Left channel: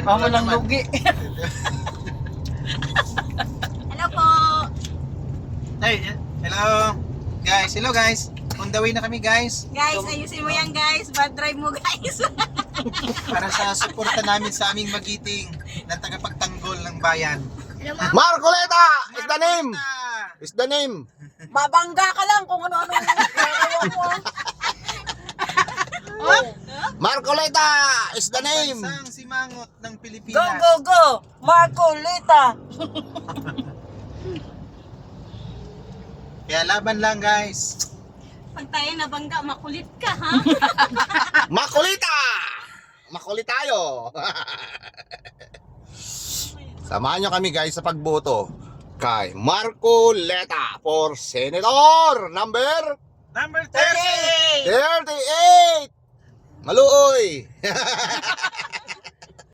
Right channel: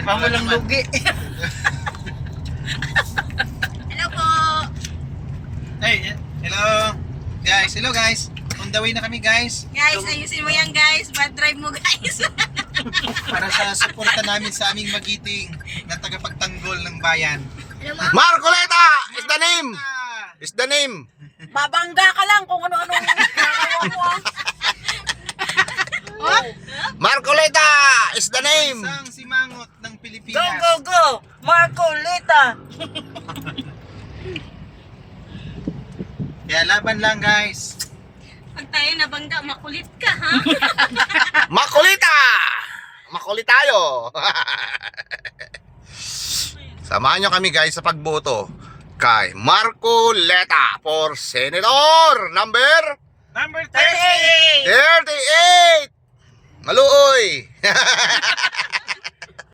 Pamulang lugi. Hello po. Hey, hello. Guys, hello guys. On the way na kami guys. Guys, ayusin mo yan guys. Bad drive mo guys. Para sa suporta namin sa aming magiting na tagapagtanggol ng bayan. Hello ma'am. Marcoleta is the name. Is the name. Babangga ka lang kung ano-ano ang ginagawa mo. Marcoleta is the name. Isang simangot ng Go, Pilipinas. go, go! Marcoleta! Kaya laban lang guys. Pag tayo nabangga, makulit ka ha. Makolita! Makulit tayo! Samahan nyo kami guys sa pagboto kay Marcoleta for Senator number Number 30. 38! Maluoy!